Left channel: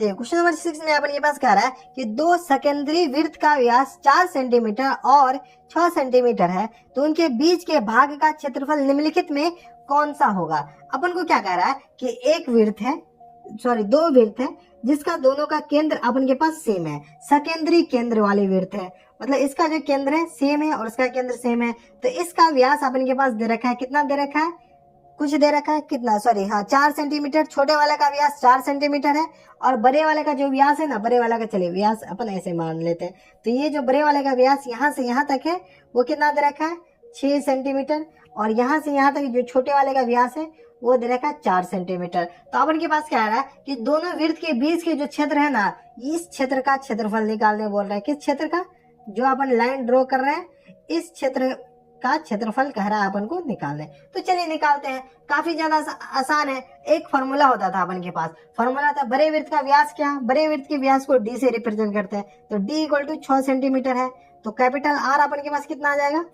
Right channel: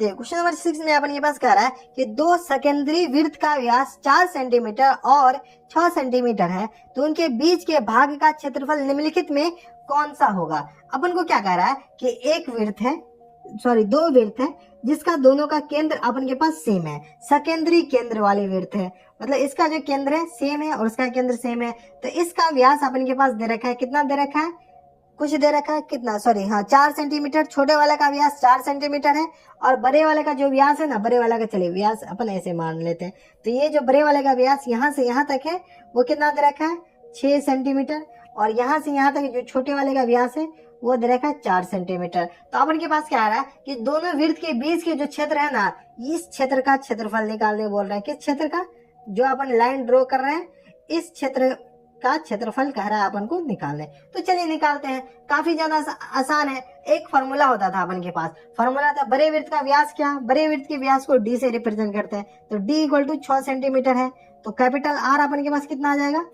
देखिए question number 6 में अपन के पास कह रहा है कि दो सेकेंडरी वृत्त का व्यास 4 सेंटीमीटर और 6 सेंटीमीटर है, तो उनके बीच के भाग का क्षेत्रफल निम्नलिखित में कौन सा होगा। अपन को क्या कह रहा है कि एक वृत्त है, दो वृत्त है जिसका दोनों का केंद्र अपन के पास सेम है, सेकेंडरी केंद्र वाले वृत्त है, मतलब इसका जो केंद्र है सेम है और इसका केंद्र सेम है, तो इसका व्यास अपन के पास दे रखा है, कितना दे रखा है, कुछ दे रखा है, कितना 4 सेंटीमीटर। छोटे वाले का व्यास 4 सेंटीमीटर है और बड़े वाले का जो व्यास है ना, बड़े वाले का चलिए व्यास अपन ऐसे मान लेते हैं, तो ये जो बड़े वाले का व्यास यहाँ से यहाँ तक है वो कितना दे रखा है 6 सेंटीमीटर, और यहाँ से यहाँ तक जो छोटे वाले का व्यास है वो दे रखा है 4 सेंटीमीटर। तो अपन के पास क्या आ रहा है कि दोनों वृत्त के बीच के जो क्षेत्र है ना, इस क्षेत्र का क्षेत्रफल निकालने बोल रहा है। किस क्षेत्र का, जो अपन लाइन ड्रॉ कर रहे हैं इस क्षेत्र का क्षेत्रफल कह रहा है अपन को निकालने। तो चलिए निकालते हैं, काफी ज्यादा आसान है। एक फॉर्मूला होता था अपन के पास, फॉर्मूला था बड़े वृत्त का व्यास, क्या बड़े वृत्त के व्यास को डी से रिप्रेजेंट करते हैं, तो डी इक्वल टू 6 सेंटीमीटर है, तो कैपिटल आर अपन के पास कितना आ जाएगा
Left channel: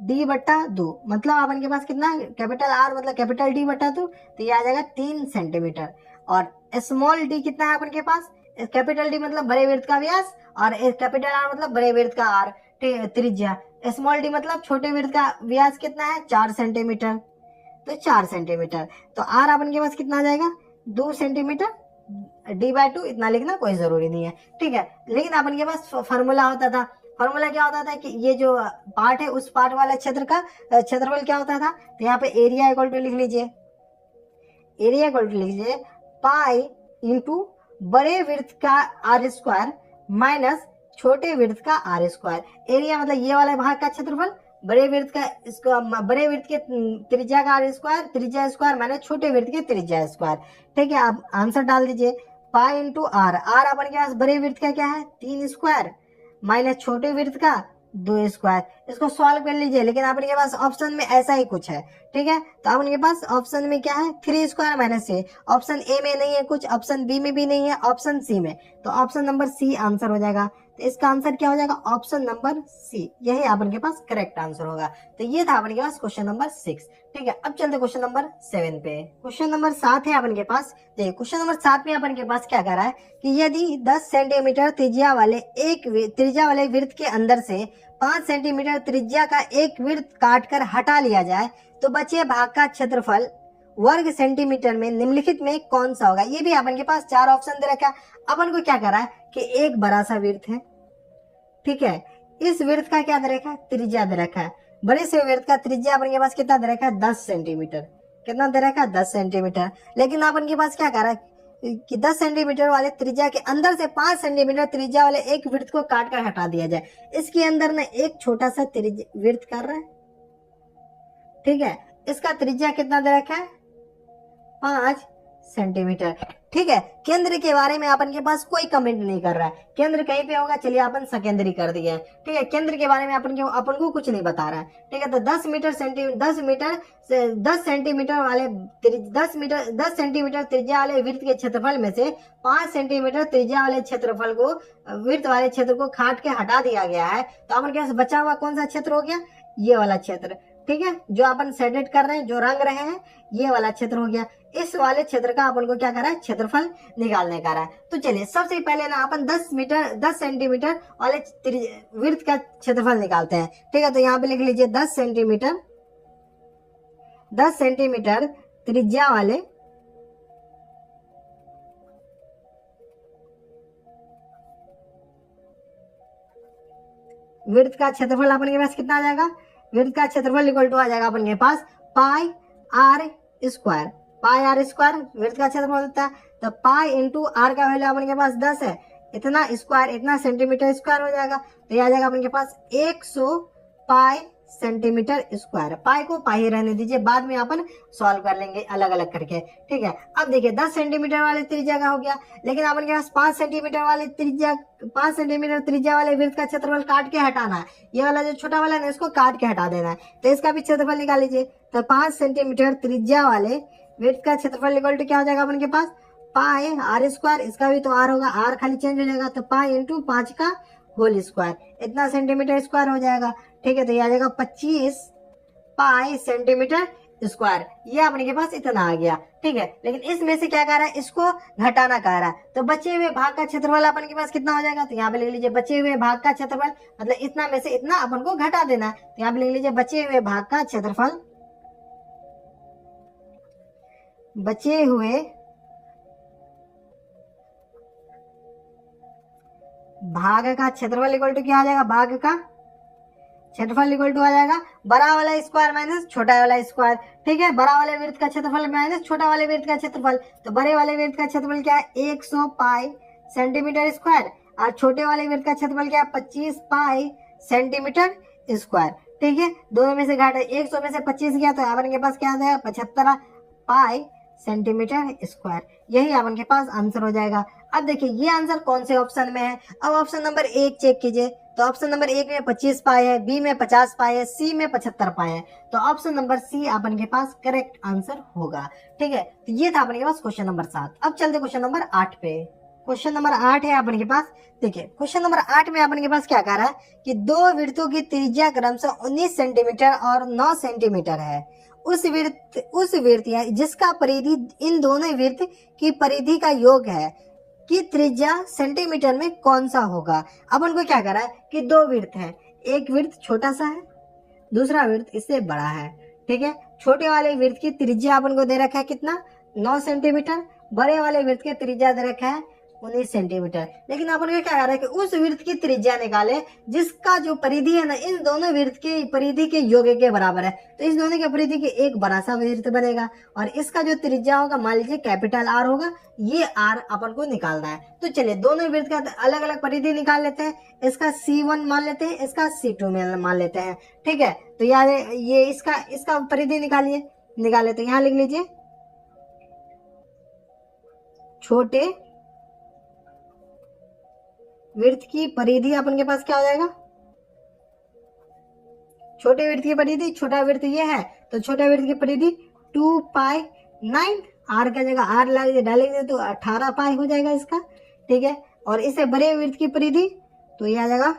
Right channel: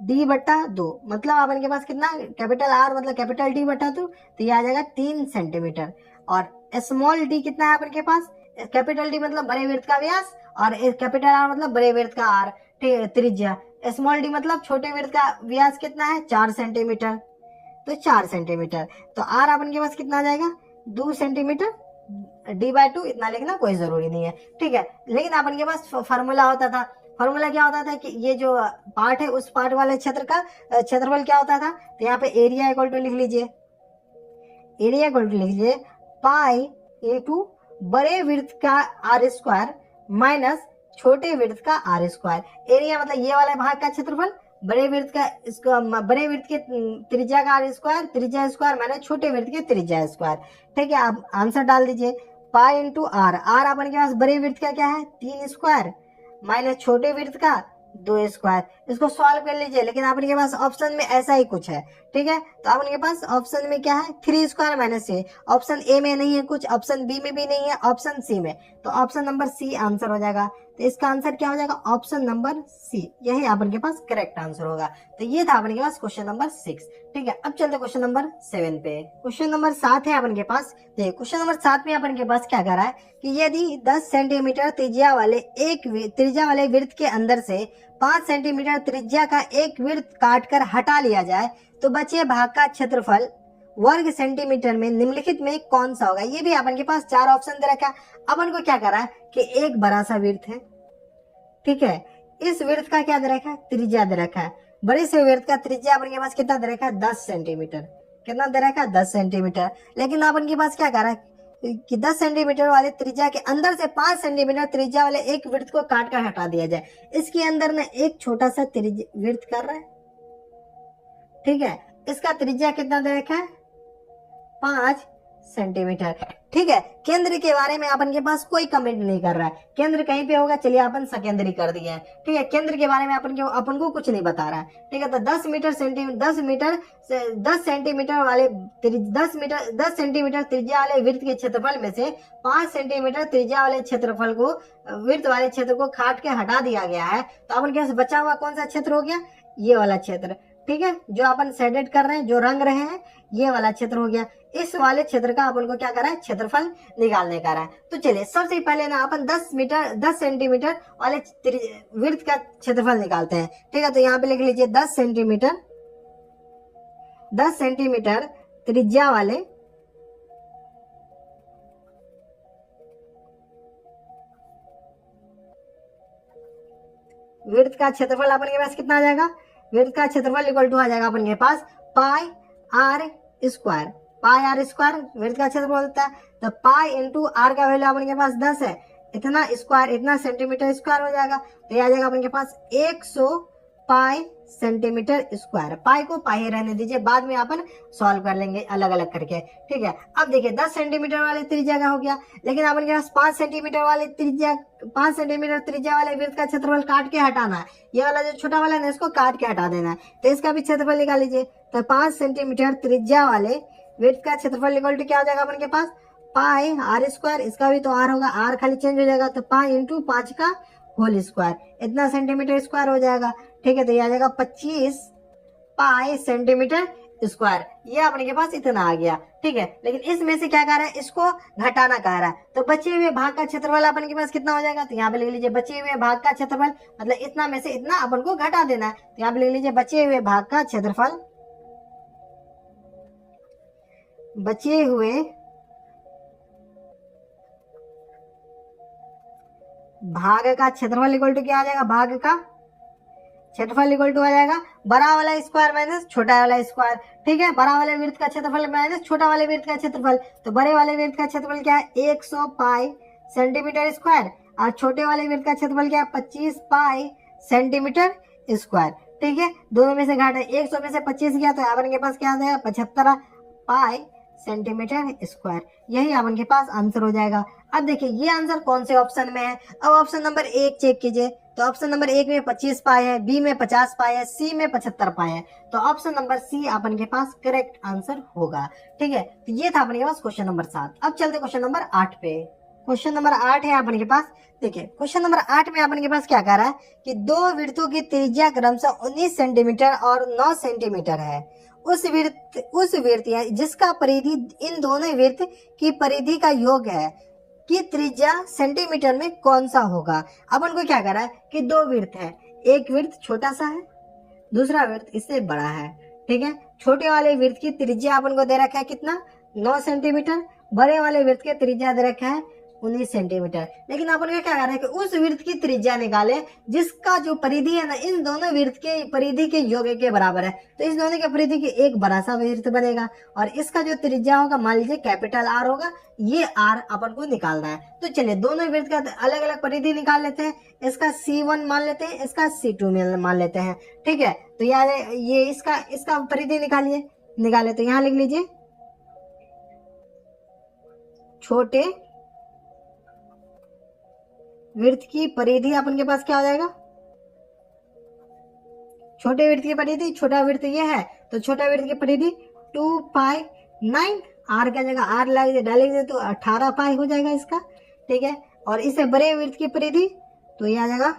डी बट्टा 2, मतलब अपन के पास कितना, कैपिटल आर मतलब कैपिटल डी बट्टा 2, तो ये आ जाएगा 3 सेंटीमीटर। और स्मॉल डी कितना है अपन के पास, कैपिटल डी मतलब बड़े वृत्त का व्यास और कैपिटल आर मतलब बड़े वृत्त का आर त्रिज्या, स्मॉल डी मतलब छोटे वृत्त का व्यास कितना है 4 सेंटीमीटर, तो 4 सेंटीमीटर, तो आर अपन के पास कितना आ जाएगा 2 सेंटीमीटर, d/2 इतना लिखना कोई जरूरी नहीं है, ठीक है। लेकिन अपन के पास फॉर्मूला होता था, फॉर्मूला क्या होता था कि ये जो पार्ट है उस पार्ट वाले क्षेत्र का क्षेत्रफल क्या होता था, तो यहाँ पे एरिया इक्वल टू लिख लीजिए, एरिया इक्वल टू लिख लीजिए पाई इंटू बड़े वृत्त का आर स्क्वायर माइनस छोटे वृत्त का आर स्क्वायर। एरिया मतलब ये वाला भाग का क्षेत्रफल, बड़े वृत्त का इसको बड़े वृत्त के त्रिज्या का आर स्क्वायर, त्रिज्या स्क्वायर माइनस छोटे वृत्त के त्रिज्या स्क्वायर, ठीक है। आप आंसर डाल दीजिए पाई इंटू आर, आर अपन के पास बड़े वृत्त का क्या है 3 स्क्वायर माइनस छोटे वृत्त का 2 स्क्वायर, इसको सॉल्व कर लीजिए। लेकिन अपन के पास ऑप्शन में ऐसा ही कुछ है, ठीक है, तो अपन के पास ऑप्शन में क्या है 3 square minus A, option A में नहीं है कुछ, ऑप्शन बी में भी नहीं है, ऑप्शन सी में, तो ऑप्शन नंबर सी आंसर हो जाएगा। तो इसका आंसर क्या हो जाएगा ऑप्शन नंबर सी, यही अपन के पास करेक्ट आंसर होगा। तो ये था अपन के पास क्वेश्चन नंबर 6, ठीक है। अब चलते क्वेश्चन नंबर 7 पे। क्वेश्चन नंबर 7 है अपन के पास, देखिए क्वेश्चन नंबर 7 में अपन के पास क्या कर रहा है कि यदि 10 सेंटीमीटर त्रिज्या वाले वृत्त के अंदर से 5 सेंटीमीटर त्रिज्या का एक वृत्त काटकर हटा लिया जाए तो बचे भाग का क्षेत्रफल वर्ग सेंटीमीटर में निम्नलिखित में कौन सा होगा। ये भी अपन के पास 4 ऑप्शन दे रखा है। अपन को क्या करना है कि एक बड़ा सा वृत्त है, ठीक है, इस वृत्त का क्या दे रखा है त्रिज्या दे रखा है, बड़े से वृत्त का त्रिज्या अपन के पास कितना दे रखा है 10 सेंटीमीटर, कितना दे रखा है 10 सेंटीमीटर। लेकिन अपन के पास क्या कर रहा है कि 10 सेंटीमीटर वाले त्रिज्या के अंदर से 5 सेंटीमीटर त्रिज्या वाले एक वृत्त को काट कर हटा दिया जाए। इसके अंदर ना एक छोटा सा वृत्त कर रहा है, ठीक है, इसका त्रिज्या कितना दे रखा है 5 सेंटीमीटर, ठीक है। केंद्र के बारे में अपन के पास कोई कमेंट नहीं कर रहा है, केंद्र कहीं पे होगा, चलिए अपन सेकेंडरी कर दिए हैं, ठीक है। केंद्र के बारे में अपन को कुछ नहीं बता रहा है, ठीक है। तो 10 सेंटीमीटर वाले 10 सेंटीमीटर त्रिज्या वाले वृत्त के क्षेत्रफल में से 5 सेंटीमीटर त्रिज्या वाले क्षेत्रफल को वृत्त वाले क्षेत्र को काट के हटा दिया गया है, तो अपन के पास बचा हुआ कौन सा क्षेत्र हो गया, ये वाला क्षेत्र, ठीक है, जो अपन सेटेड कर रहे हैं, जो रंग रहे हैं, ये वाला क्षेत्र हो गया। इस वाले क्षेत्र का अपन को क्या करा है क्षेत्रफल निकालने का रहा है। तो चलिए सबसे पहले ना अपन 10 सेंटीमीटर वाले वृत्त का क्षेत्रफल निकालते हैं, ठीक है। तो यहाँ पे लिख लीजिए 10 सेंटीमीटर त्रिज्या वाले वृत्त का क्षेत्रफल अपन के पास कितना आ जाएगा, वृत्त का क्षेत्रफल इक्वल टू आ जाएगा अपन के पास pi R square, pi R square वृत्त का क्षेत्रफल होता है, तो पाई इंटू आर का वैल्यू अपन के पास 10 है, इतना स्क्वायर इतना सेंटीमीटर स्क्वायर हो जाएगा, तो ये आ जाएगा अपन के पास 100 पाई सेंटीमीटर स्क्वायर। पाई को पाई रहने दीजिए, बाद में अपन सॉल्व कर लेंगे अलग अलग करके, ठीक है। अब देखिए 10 सेंटीमीटर वाले त्रिज्या का हो गया, लेकिन अपन के पास 5 सेंटीमीटर त्रिज्या वाले वृत्त का क्षेत्रफल काट के हटाना है, ये वाला जो छोटा वाला है ना इसको काट के हटा देना है, तो इसका भी क्षेत्रफल निकाल लीजिए। तो 5 सेंटीमीटर त्रिज्या वाले वृत्त का क्षेत्रफल इक्वल टू क्या हो जाएगा अपन के पास पाई आर स्क्वायर, इसका भी तो आर होगा, आर खाली चेंज हो जाएगा, तो पाई इंटू 5 का होल स्क्वायर, इतना सेंटीमीटर स्क्वायर हो जाएगा, ठीक है। तो ये आ जाएगा 25 पाई सेंटीमीटर स्क्वायर, ये अपने के पास इतना आ गया, ठीक है। लेकिन इसमें से क्या कह रहा है, इसको घटाना कह रहा है, तो बचे हुए भाग का क्षेत्रफल अपन के पास कितना हो जाएगा, तो यहाँ पे लिख लीजिए बचे हुए भाग का क्षेत्रफल, मतलब इतना में से इतना अपन को घटा देना है, तो यहाँ पे लिख लीजिए बचे हुए भाग का क्षेत्रफल, बचे हुए भाग का क्षेत्रफल इक्वल टू क्या आ जाएगा, भाग का क्षेत्रफल इक्वल टू आ जाएगा बड़ा वाला स्क्वायर माइनस छोटा वाला स्क्वायर, ठीक है। बड़ा वाले वृत्त का क्षेत्रफल माइनस छोटा वाले वृत्त का क्षेत्रफल, तो बड़े वाले वृत्त का क्षेत्रफल क्या है 100 पाई सेंटीमीटर स्क्वायर, और छोटे वाले वृत्त का क्षेत्रफल क्या है 25 पाई सेंटीमीटर स्क्वायर, ठीक है। दोनों में से घाटे 100 में से 25 गया तो अपन के पास क्या आ जाएगा 75 पाई सेंटीमीटर स्क्वायर, यही अपन के पास आंसर हो जाएगा। अब देखिए ये आंसर कौन से ऑप्शन में है, अब ऑप्शन नंबर 1 चेक कीजिए, तो ऑप्शन नंबर 1 में 25 पाए है, बी में 50 पाए है, सी में 75 पाए है, तो ऑप्शन नंबर सी अपन के पास करेक्ट आंसर होगा, ठीक है। तो ये था अपन के पास क्वेश्चन नंबर 7। अब चलते क्वेश्चन नंबर 8 पे। क्वेश्चन नंबर 8 है अपन के पास, देखिए क्वेश्चन नंबर 8 में अपन के पास क्या कह रहा है कि दो वृत्तों की त्रिज्या क्रमशः 19 सेंटीमीटर और 9 सेंटीमीटर है, उस वृत्त या जिसका परिधि इन दोनों वृत्त की परिधि का योग है कि त्रिज्या सेंटीमीटर में कौन सा होगा। अपन को क्या कर रहा है कि दो वृत्त है, एक वृत्त छोटा सा है, दूसरा वृत्त इससे बड़ा है, ठीक है। छोटे वाले वृत्त की त्रिज्या अपन को दे रखा है कितना 9 सेंटीमीटर, बड़े वाले वृत्त की त्रिज्या दे रखा है 19 सेंटीमीटर। लेकिन अपन को क्या कह रहा है कि उस वृत्त की त्रिज्या निकाले जिसका जो परिधि है ना इन दोनों वृत्त के परिधि के योग के बराबर है, तो इस दोनों के परिधि के एक बड़ा सा वृत्त बनेगा और इसका जो त्रिज्या होगा मान लीजिए कैपिटल आर होगा, ये आर अपन को निकालना है। तो चलिए दोनों वृत्त का अलग अलग परिधि निकाल लेते हैं, इसका C1 मान लेते हैं, इसका C2 मान लेते हैं, ठीक है। तो यार ये इसका परिधि निकाले, तो यहाँ लिख लीजिए छोटे वृत्त की परिधि अपन के पास क्या हो जाएगा, छोटे वृत्त की परिधि, छोटा वृत्त ये है तो छोटा वृत्त की परिधि 2 पाई 9, आर का जगह आर डालेंगे तो 18 पाई हो जाएगा इसका, ठीक है। और इससे बड़े वृत्त की परिधि तो ये आ जाएगा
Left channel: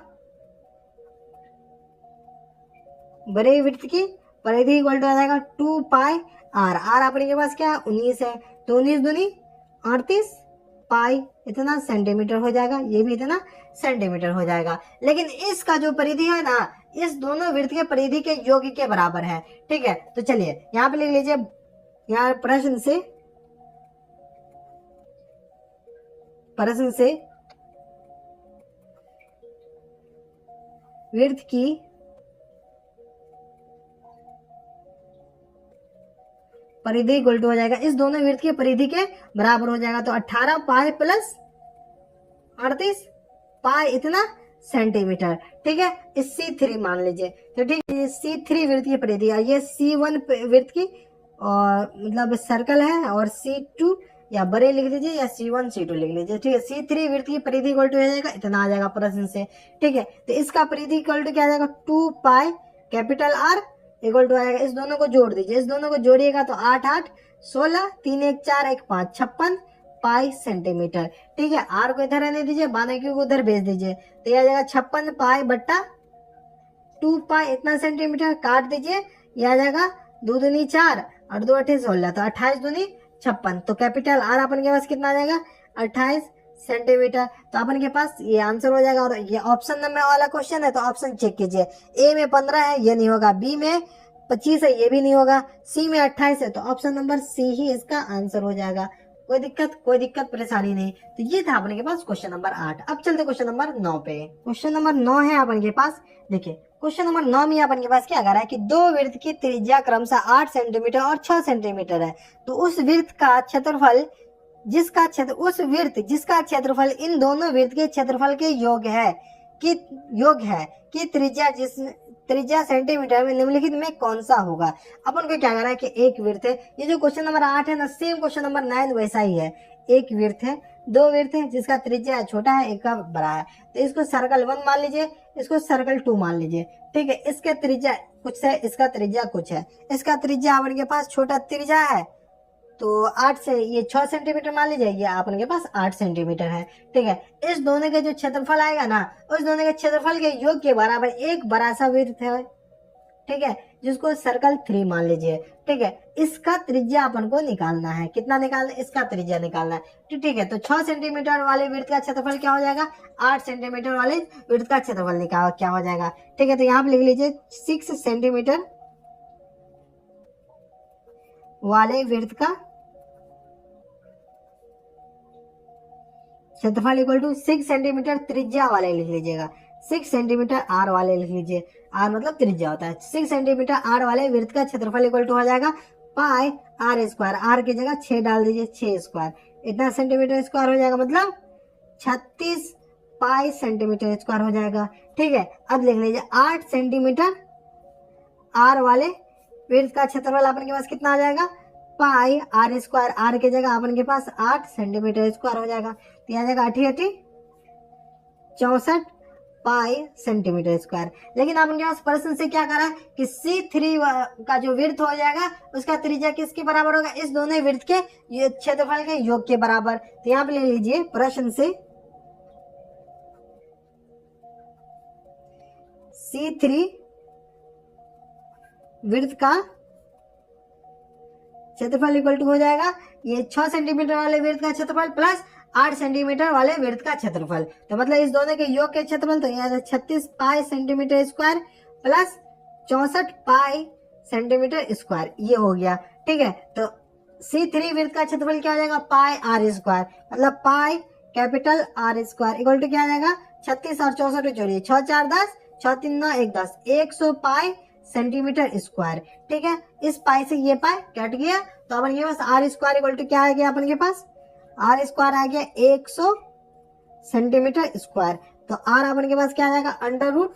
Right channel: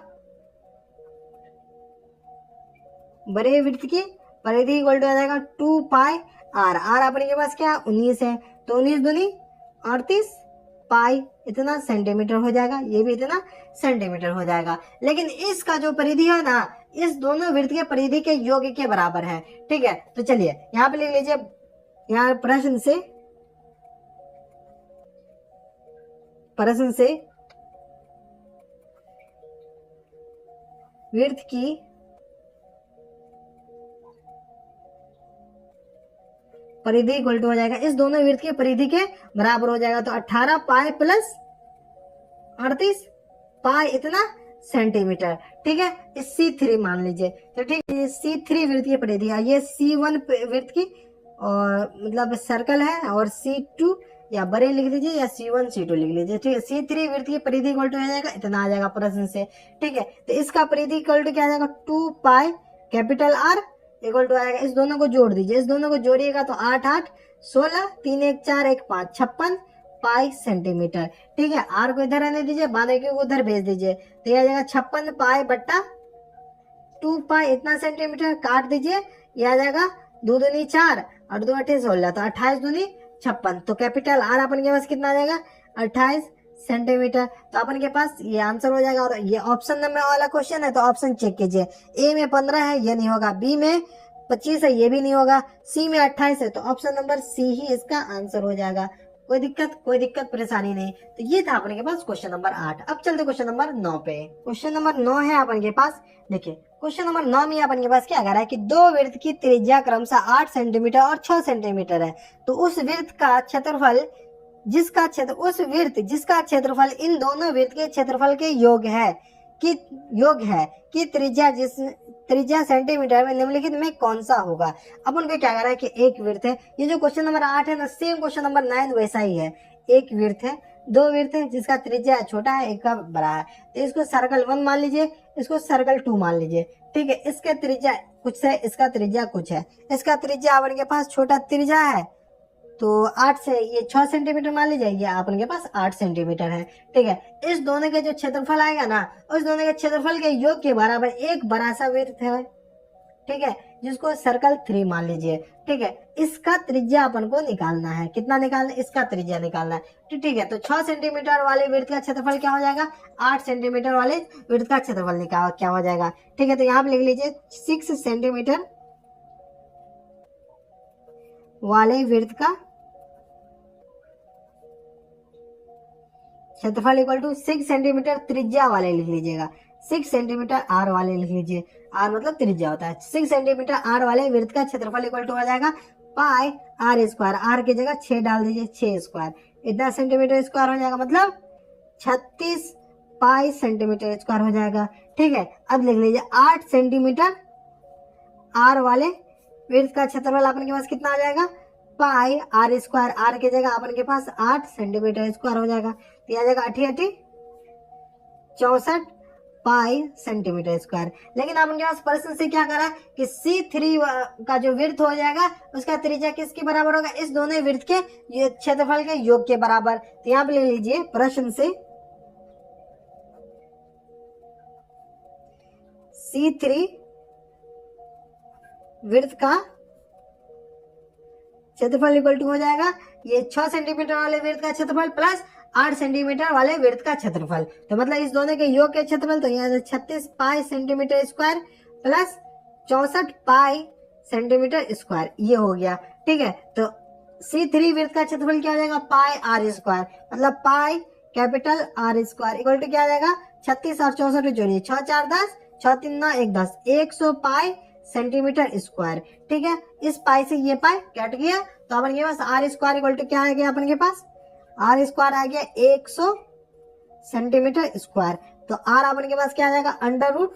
बड़े वृत्त की परिधि इक्वल टू आ जाएगा 2 पाई आर, आर अपने के पास क्या 19 है, तो 19 दूनी 38 पाई इतना सेंटीमीटर हो जाएगा, ये भी इतना सेंटीमीटर हो जाएगा। लेकिन इसका जो परिधि है ना इस दोनों वृत्त के परिधि के योग के बराबर है, ठीक है। तो चलिए यहाँ पे लिख लीजिए, यहाँ प्रश्न से वृत्त की परिधि इक्वल टू हो जाएगा इस दोनों वृत्त के परिधि के बराबर हो जाएगा, तो 18 पाई प्लस 38 पाई इतना सेंटीमीटर, ठीक है। इस C3 मान लीजिए, तो ठीक है C3 वृत्त की परिधि है, ये C1 वृत्त की और मतलब सर्कल है, और C2 या बड़े लिख दीजिए या C1 C2 लिख लीजिए, ठीक है। C3 वृत्त की परिधि इक्वल टू हो जाएगा इतना आ जाएगा प्रश्न से, ठीक है। तो इसका परिधि इक्वल टू क्या आ जाएगा 2 pi capital R equal to आएगा, इस दोनों को जोड़ दीजिए, इस दोनों को जोड़िएगा तो 8 8 16 3 1 4 1 5 56 पाई सेंटीमीटर, ठीक है। आर को इधर रहने दीजिए, बाकी को उधर भेज दीजिए, तो यह आ जाएगा 56 पाई बट्टा 2 पाई इतना सेंटीमीटर, काट दीजिए, यह आ जाएगा 2 दूनी 4 और 2 8 16, तो 28 दूनी 56, तो कैपिटल आर अपन के पास कितना आ जाएगा 28 सेंटीमीटर। तो अपन के पास ये आंसर हो जाएगा। और ये ऑप्शन नंबर वाला क्वेश्चन है तो ऑप्शन चेक कीजिए, ए में 15 है ये नहीं होगा, बी में 25 है ये भी नहीं होगा, सी में 28 है, तो ऑप्शन नंबर सी ही इसका आंसर हो जाएगा। कोई दिक्कत परेशानी नहीं। तो ये था अपने के पास क्वेश्चन नंबर 8। अब चलते क्वेश्चन नंबर 9 पे। क्वेश्चन नंबर 9 है अपन के पास, देखिए क्वेश्चन नंबर 9 में अपन के पास क्या कह रहा है कि दो वृत्त की त्रिज्या क्रमशः 8 सेंटीमीटर और 6 सेंटीमीटर है, तो उस वृत्त का क्षेत्रफल जिसका क्षेत्रफल इन दोनों वृत्त के क्षेत्रफल के योग है कि त्रिज्या सेंटीमीटर में निम्नलिखित में कौन सा होगा। अपन को क्या कर रहा है कि एक वृत्त है, ये जो क्वेश्चन नंबर 8 है ना सेम क्वेश्चन नंबर 9 वैसा ही है। एक वृत्त है, दो वृत्त है जिसका त्रिज्या छोटा है एक का बड़ा है, तो इसको सर्कल 1 मान लीजिए, इसको सर्कल 2 मान लीजिए, ठीक है। इसका त्रिज्या कुछ है, इसका त्रिज्या कुछ है, इसका त्रिज्या अपन के पास छोटा त्रिज्या है तो 8 से ये 6 सेंटीमीटर मान लीजिए, ये अपन के पास 8 सेंटीमीटर है, ठीक है। इस दोनों के जो क्षेत्रफल आएगा ना उस दोनों के क्षेत्रफल के योग के बराबर एक बड़ा सा वृत्त है, ठीक है, जिसको सर्कल 3 मान लीजिए, ठीक है, इसका त्रिज्या अपन को निकालना है। कितना निकालना है? इसका त्रिज्या निकालना है। तो ठीक है, तो 6 सेंटीमीटर वाले वृत्त का क्षेत्रफल क्या हो जाएगा? 8 सेंटीमीटर वाले वृत्त का क्षेत्रफल निकाल क्या हो जाएगा? ठीक है, तो यहाँ पे लिख लीजिए 6 सेंटीमीटर वाले वृत्त का क्षेत्रफल इक्वल टू 6 सेंटीमीटर त्रिज्या वाले लिख लीजिएगा। 6 सेंटीमीटर आर वाले लिख लीजिए। आर मतलब त्रिज्या होता है। 6 सेंटीमीटर आर वाले वृत्त का क्षेत्रफल इक्वल टू हो जाएगा पाई आर स्क्वायर। आर की जगह 6 डाल दीजिए, 6 स्क्वायर। इतना सेंटीमीटर स्क्वायर हो जाएगा, मतलब 36 पाई सेंटीमीटर स्क्वायर हो जाएगा। ठीक है, अब लिख लीजिए 8 सेंटीमीटर आर वाले वृत्त का क्षेत्रफल अपन के पास कितना हो जाएगा? पाई आर स्क्वायर। आर की जगह अपन के पास 8 सेंटीमीटर स्क्वायर हो जाएगा। तो आ जाएगा 8 8 64 पाई सेंटीमीटर स्क्वायर। लेकिन अपन के पास प्रश्न से क्या करा है कि C3 का जो वृत्त हो जाएगा उसका त्रिज्या किसके बराबर होगा? इस दोनों वृत्त के क्षेत्रफल के योग के बराबर। तो यहाँ पे ले लीजिए प्रश्न से C3 वृत्त का क्षेत्रफल इक्वल टू हो जाएगा ये 6 सेंटीमीटर वाले वृत्त का क्षेत्रफल प्लस 8 सेंटीमीटर वाले वृत्त का क्षेत्रफल। तो मतलब इस दोनों के योग के क्षेत्रफल, तो यहाँ 36 पाई सेंटीमीटर स्क्वायर प्लस 64 पाई सेंटीमीटर स्क्वायर, ये हो गया। ठीक है, तो C3 वृत्त का क्षेत्रफल क्या हो जाएगा? पाई आर स्क्वायर, मतलब pi capital R square equal to क्या आ जाएगा? 36 और 64 जोड़िए, 6 4 10, 6 3 9 1 10, 100 पाई सेंटीमीटर स्क्वायर। ठीक है, इस पाई से ये पाई कट गया, तो अपन के पास आर स्क्वायर इक्वल टू क्या आ गया? अपन के पास आर स्क्वायर आ गया 100 सेंटीमीटर स्क्वायर। तो आर अपन के पास क्या आ जाएगा? Under root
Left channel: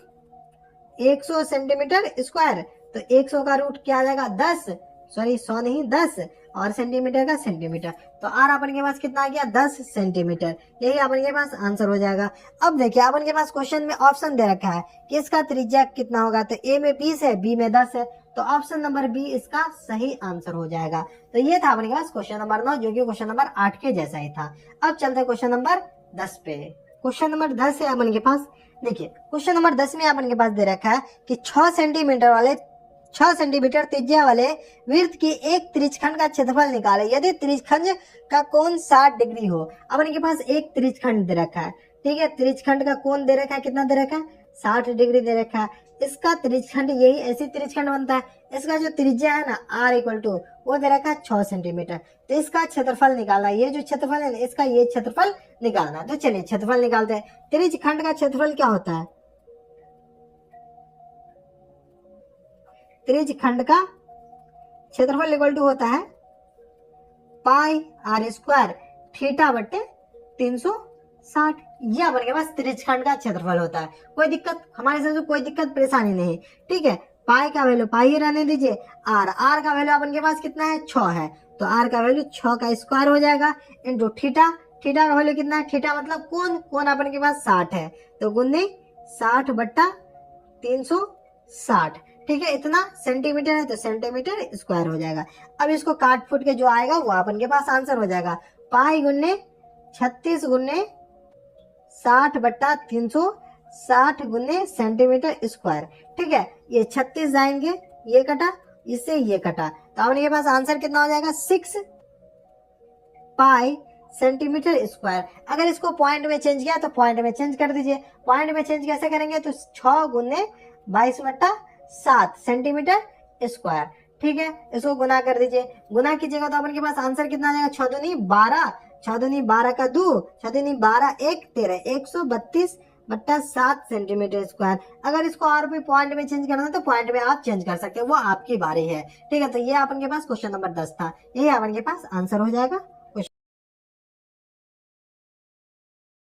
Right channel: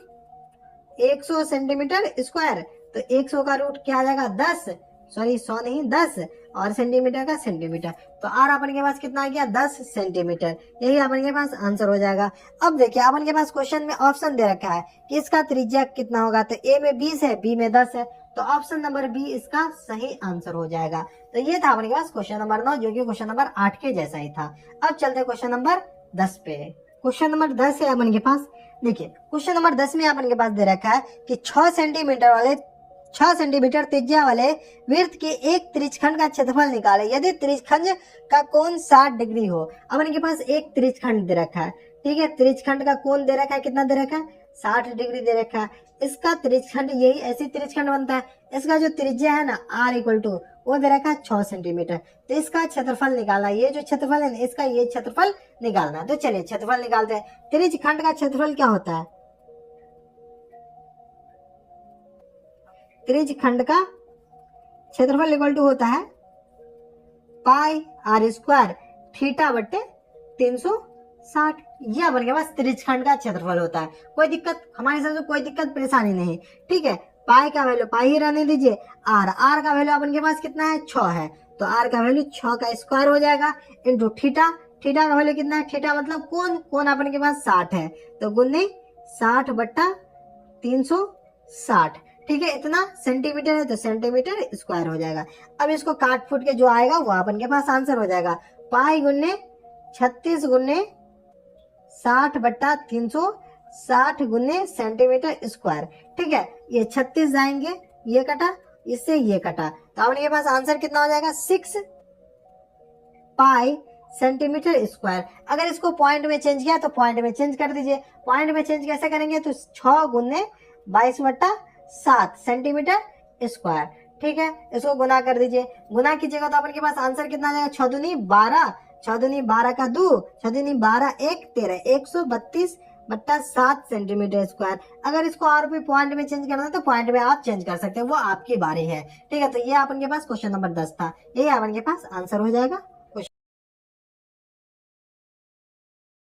100 centimetre square. तो 100 का रूट क्या आ जाएगा? 10, सॉरी 100 नहीं 10, और सेंटीमीटर का सेंटीमीटर। तो आर अपन के पास कितना आ गया? 10 सेंटीमीटर। यही अपन के पास आंसर हो जाएगा। अब देखिए अपन के पास क्वेश्चन में ऑप्शन दे रखा है कि इसका त्रिज्या कितना होगा। तो ए में 20 है, बी में 10 है, तो ऑप्शन नंबर बी इसका सही आंसर हो जाएगा। तो ये था अपने पास क्वेश्चन नंबर 9, जो कि क्वेश्चन नंबर 8 के जैसा ही था। अब चलते हैं क्वेश्चन नंबर 10 पे। क्वेश्चन नंबर 10 है अपन के पास। देखिए क्वेश्चन नंबर 10 में अपन के पास दे रखा है कि 6 सेंटीमीटर त्रिज्या वाले वृत्त के एक त्रिज्यखंड का क्षेत्रफल निकाले यदि त्रिज्यखंड का कोण 60 डिग्री हो। अपन के पास एक त्रिज्यखंड दे रखा है। ठीक है, त्रिज्यखंड का कोण दे रखा है, कितना दे रखा है? 60 डिग्री दे रखा है। इसका त्रिज्यखंड यही ऐसे त्रिज्यखंड बनता है। इसका जो त्रिज्या है ना r इक्वल टू वो दे रखा है 6 सेंटीमीटर। तो इसका क्षेत्रफल निकालना है। ये जो क्षेत्रफल है ना, इसका ये क्षेत्रफल निकालना है। तो चलिए क्षेत्रफल निकालते हैं। त्रिज्यखंड का क्षेत्रफल क्या होता है? त्रिज्यखंड का क्षेत्रफल इक्वल टू होता है पाई आर स्क्वायर थीटा बट्टे 360। ये अपन के पास त्रिज्यखंड का क्षेत्रफल होता है। कोई दिक्कत हमारे साथ, कोई दिक्कत परेशानी नहीं। ठीक है, पाई का वैल्यू पाई ही रहने दीजिए। आर का वैल्यू अपन के पास कितना है? 6 है, तो आर का वैल्यू 6 का स्क्वायर हो जाएगा इंटू थीटा। थीटा का वैल्यू कितना है? थीटा मतलब कोण अपन के पास 60 है, तो गुने 60 बट्टा 360। ठीक है, इतना सेंटीमीटर है तो सेंटीमीटर स्क्वायर हो जाएगा। अब इसको काट फूट के जो आएगा वो अपन के पास आंसर हो जाएगा। पाई गुने 36 गुने 60 बट्टा 360 गुने सेंटीमीटर स्क्वायर। ठीक है, ये 36 जाएंगे, ये कटा, इससे ये कटा, तो अपने के पास आंसर कितना हो जाएगा? 6 पाई सेंटीमीटर स्क्वायर। अगर इसको पॉइंट में चेंज किया तो पॉइंट में चेंज कर दीजिए। पॉइंट में चेंज कैसे करेंगे? तो 6 गुने 22 बट्टा 7 सेंटीमीटर स्क्वायर। ठीक है, इसको गुना कर दीजिए। गुना कीजिएगा तो अपन के पास आंसर कितना आ जाएगा? 6 दूनी 12, 6 दूनी 12 का 2, 6 दूनी 12 1 13, 132 बट्टा 7 सेंटीमीटर स्क्वायर। अगर इसको और भी पॉइंट में चेंज करना है तो पॉइंट में आप चेंज कर सकते हैं, वो आपकी बारी है। ठीक है, तो ये अपन के पास क्वेश्चन नंबर 10 था। ये अपन के पास आंसर हो जाएगा।